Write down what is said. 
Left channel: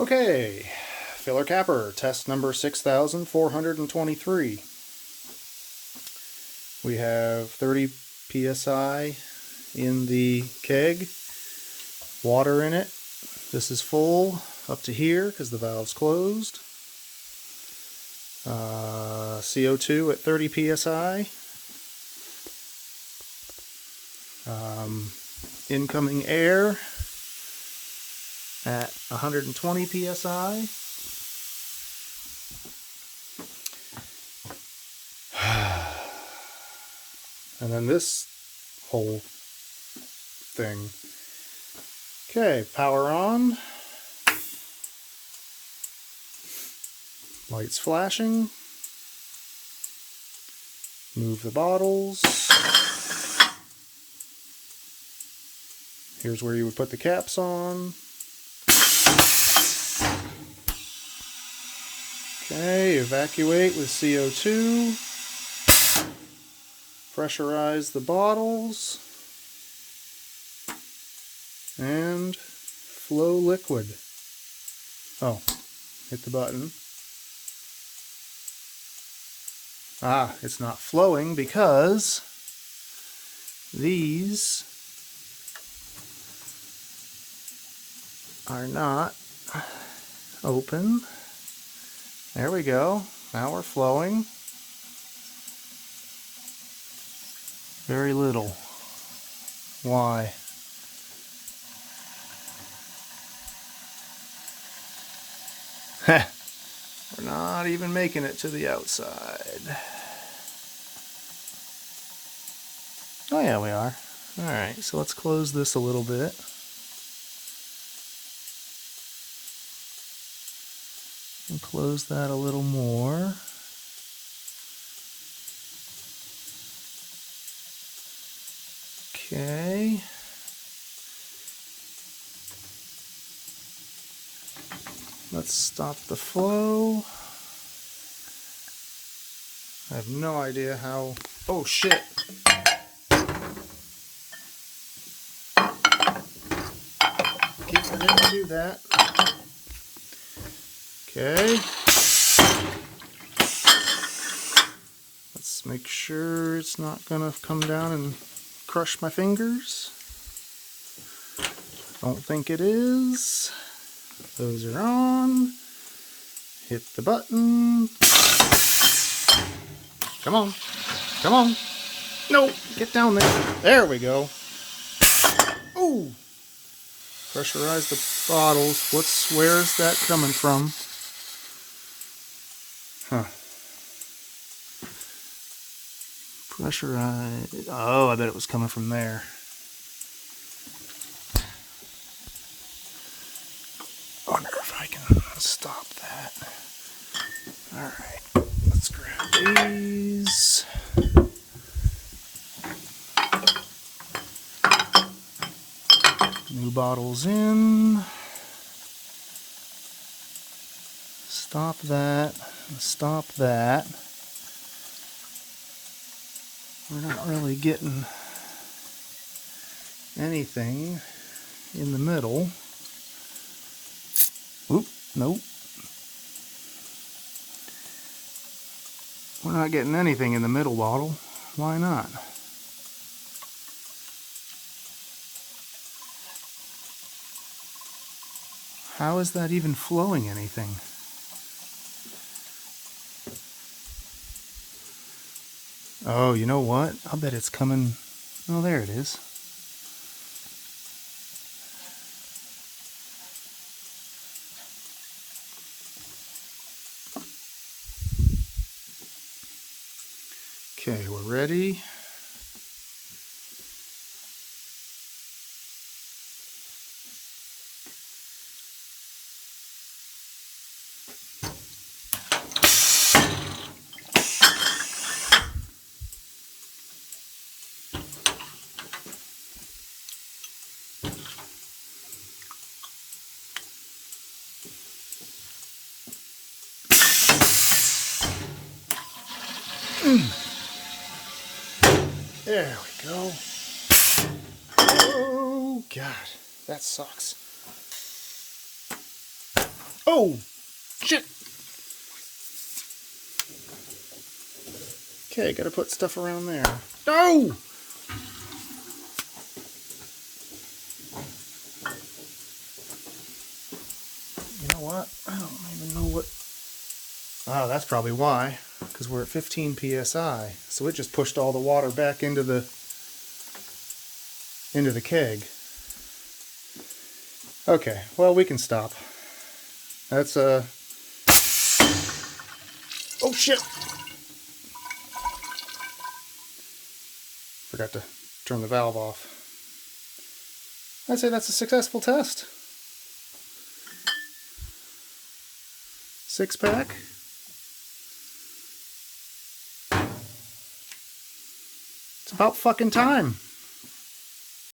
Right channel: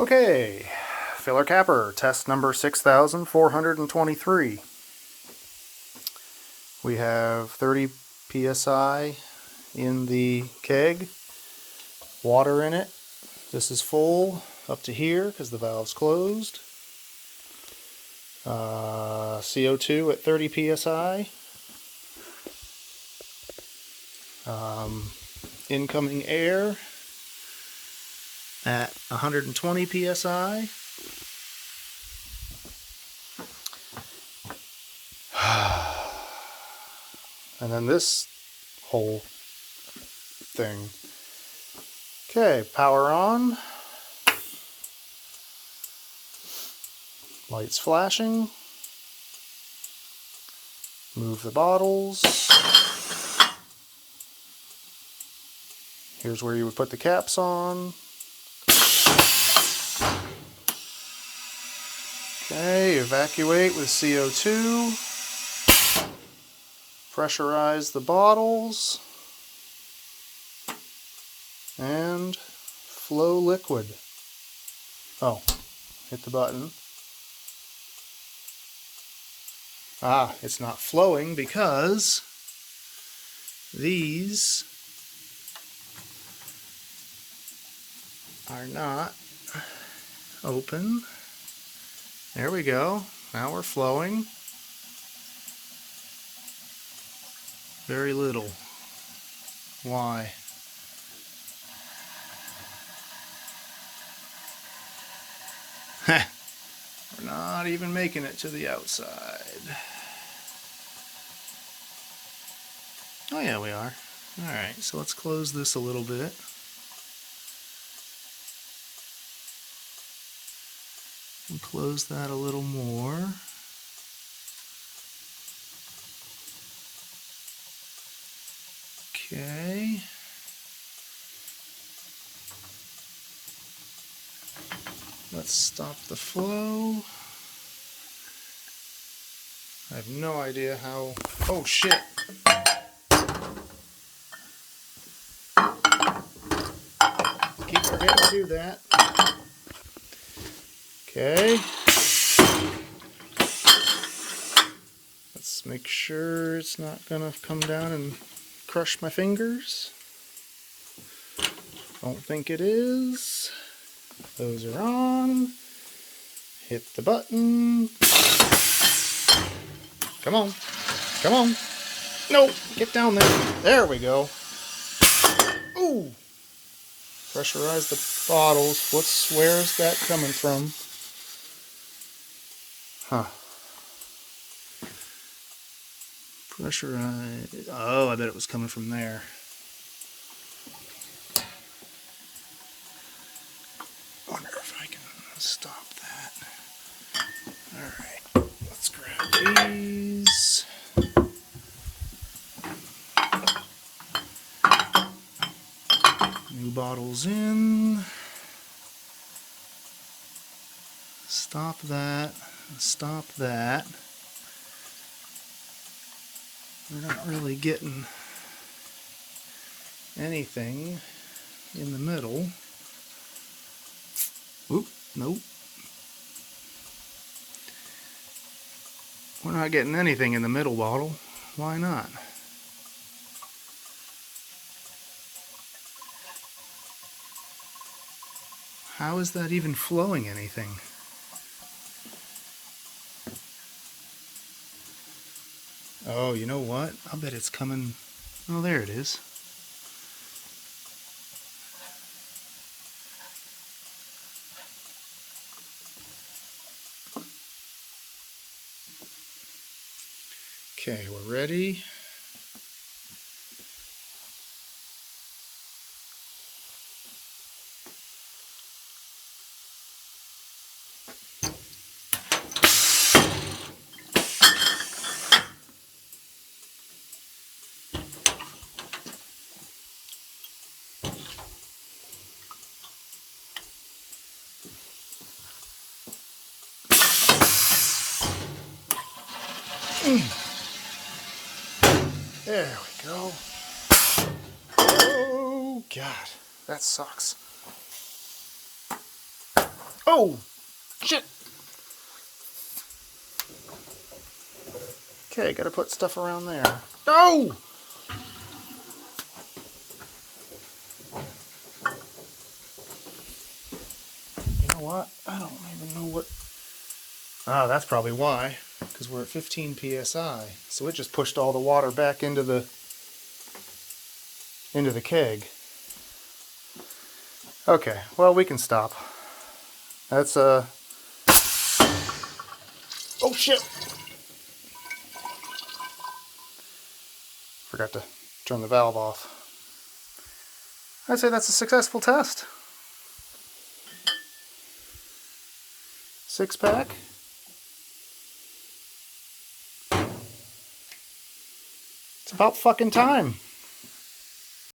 Okay, filler capper, test number 6423. We have 30 psi in the keg, water in it. This is full up to here because the valve's closed. CO2 at 30 psi. Incoming air at 120 psi. And then this whole thing. Okay, power on. Lights flashing. Move the bottles. Here's where you would put the caps on. Okay, evacuate with CO2. Pressurize the bottles. And flow liquid. Oh, hit the button. Ah, it's not flowing because these are not open. There we go. Now we're flowing. Very little. Why? Heh. We're not even making it to the outside. Oh yeah, we are. Alright, so let's close this a little bit. And close that a little more. Okay. Let's stop the flow. I have no idea how... Oh shit! Keep forgetting to do that. Okay. Let's make sure it's not gonna come down and crush my fingers. Don't think it is. Those are on. Hit the button. Come on. Come on. No, get down there. There we go. Ooh. Pressurize the bottles. Where is that coming from? Huh. Pressurize. Oh, I bet it was coming from there. I wonder if I can stop that. Alright, let's grab these. New bottles in. Stop that. Stop that. We're not really getting anything in the middle. Oop, nope. We're not getting anything in the middle bottle. Why not? How is that even flowing anything? Oh, you know what? I'll bet it's coming... Oh, there it is. Okay, we're ready. There we go. Oh, God. That sucks. Oh, shit. Okay, gotta put stuff around there. No! You know what? I don't even know what... Oh, that's probably why. Because we're at 15 psi. So it just pushed all the water back into the keg. Okay, well, we can stop. That's oh shit! Forgot to turn the valve off. I'd say that's a successful test. 6-pack. It's about fucking time.